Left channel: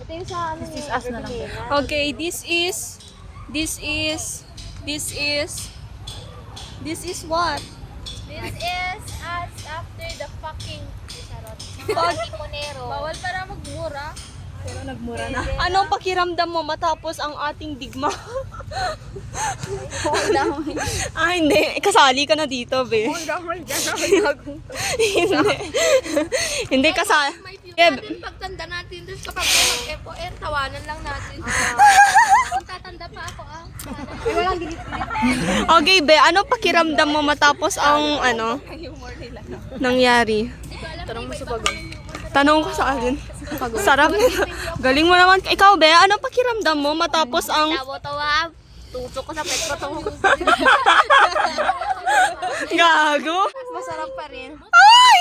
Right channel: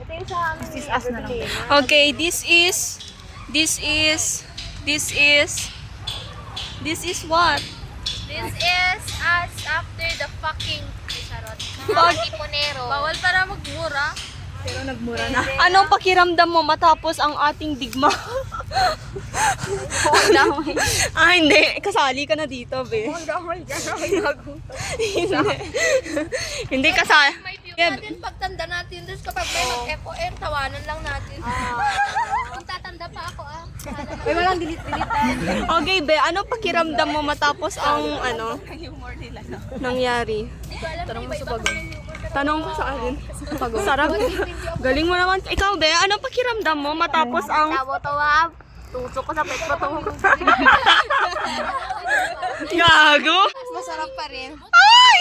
Ito yung sa amin. This is us na lang. Okay, this is what? This is us after the fucking charot. Mga iponero. Bawal para magmura. Pero nagmura na. Anong pakiramdam mo matapos ang ating digma? Okay lang. Hindi. Kasali ka na dito, be. Hindi. Hindi kasali. May view natin pagtanda natin. Tapos kapag may mag-FON, tawanan lang natin. Kung tatanda pa ako May walang delete. Okay, be. Anong pakiramdam mo matapos ang Humor nila, no? nangyari? Tanong mo sa pagod. Tanong ko sa akin. Sarap. Galing mo naman. Ikaw, be. Anong pakiramdam mo matapos ang... Tawa-tawa. Tusok ko sa pagpatong. Gago? Masarap pa rin. Ay!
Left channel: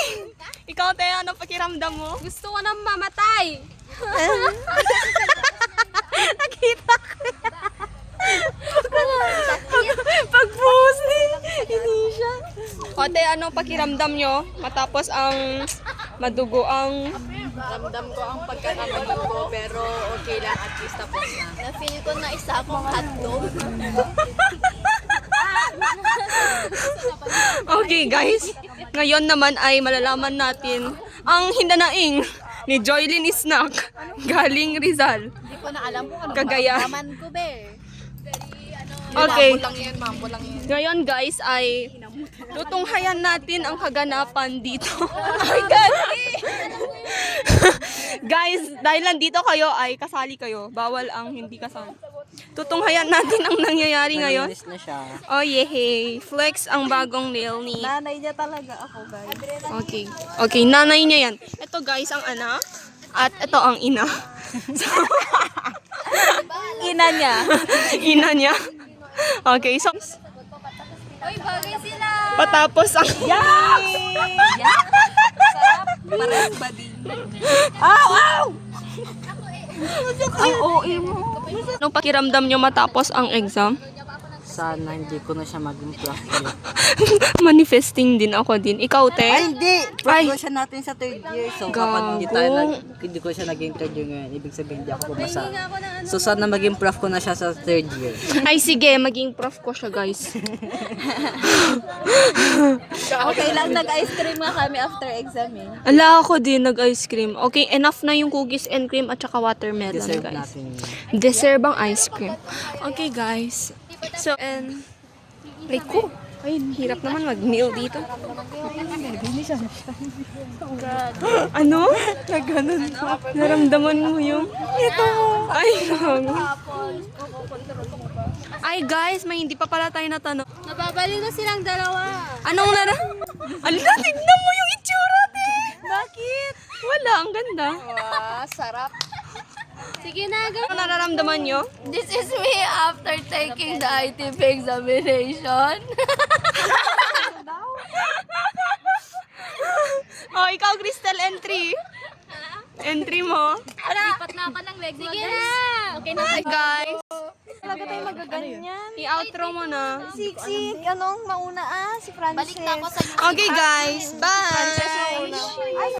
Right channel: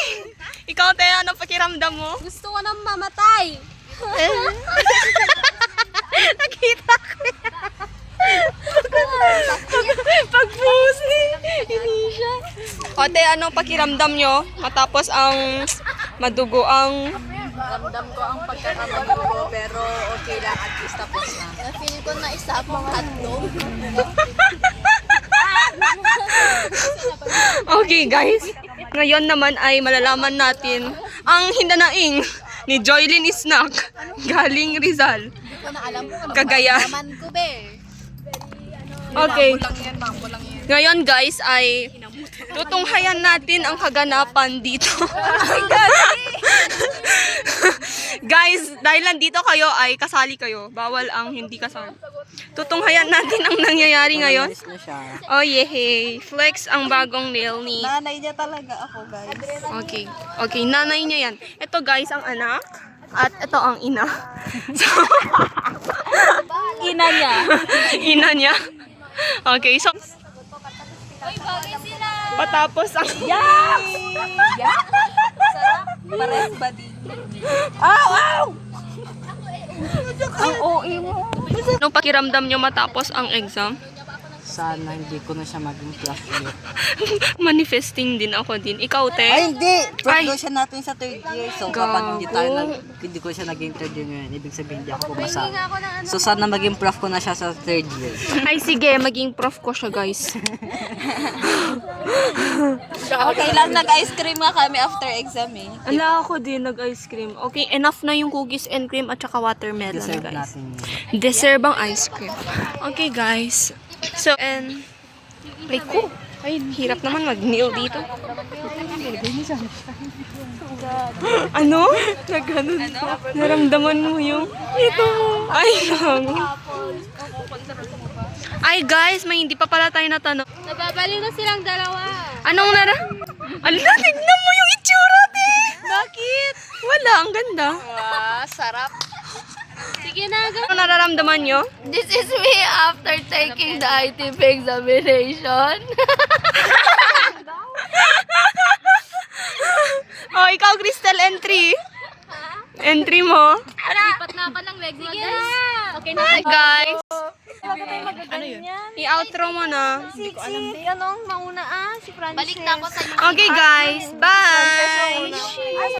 Ikaw, te. Anong pakiramdam mo? Gusto ko nang mamatay. Nakita ko yan. Pag-buhos ni Inisha. O, te, anong pakiramdam nyo matapos ang madugo ang... Ramdam ko ang pagkakamadugo ko, pero okay lang, at least tapos na. Na-feel ko na isa pang hotdog. Okay, guys. Ngayon naman ay malalaman natin ang hinanaing ni Joylyn Snack galing Rizal. Hindi ko na alam kung ano Cagayan. naman ko, be. Okay. Lang yan, mambo lang yan. Ngayon, guys, ay tutunghayan natin ang kaganapan dito. Oh my God! Guys, dahil nandito kayo ay kasali kayo. Bawal ang hindi kasali. Tutunghayan natin ang nangyayari ngayon. na siya. Oh, yehey. Flex ang bagong nail ni... Nanay niya talaga ako, guys. Okay. Okay, nanay niya yan. Ito, guys, ang anak. At ito ang ina. So, Ina niya. ina niya. Okay, so... Uy, bagay sila. Patapos ang... Parang badi. Ang OA mo. Anong pakiramdam nyo matapos ang exam? Sana hindi ko na siya maging prof ulit. Manifesting din ako din. Ikaw, te? Ay, hindi! Prof Ay. daw siya natin sa third year. So, kapag hindi ko siya naging third year ngayon, ibig sabihin hindi ako pumasa. So, sana maging prof ko na siya sa third year. Ay, sige. Maging prof ko siya, guys. Okay lang, nag-ice cream nga kami after exam eh. Ala, ako din nag-ice cream. Okay, enough na yung cookies and cream at saka watermelon, Deserve guys. natin yun. Deserve ang ice cream. Okay, guys. So, and... Ay, ko. Ay, hirap naman mag-nail dito. Ano? Nagganon. Naramdaman mo yung... Ito. Ay, lang. Ay, guys, may hindi pa pala tayo natanong. Nababaliw na silang dalawa. Anong Ala, tignan mo yung itsura, te! Bakit? Wala, ang ganda. Wow, sarap. Sige na, Ano nararamdaman nyo? This is me after taking the ITP examination. Oh, ikaw, Crystal, entry. Entry mo. Lipat na ako ng leg mo, guys. Okay na. Hi, guys. Ano yun? I-outro mo na. Anong mauna si Francis? Balik na ako sa Okay, guys. Bye!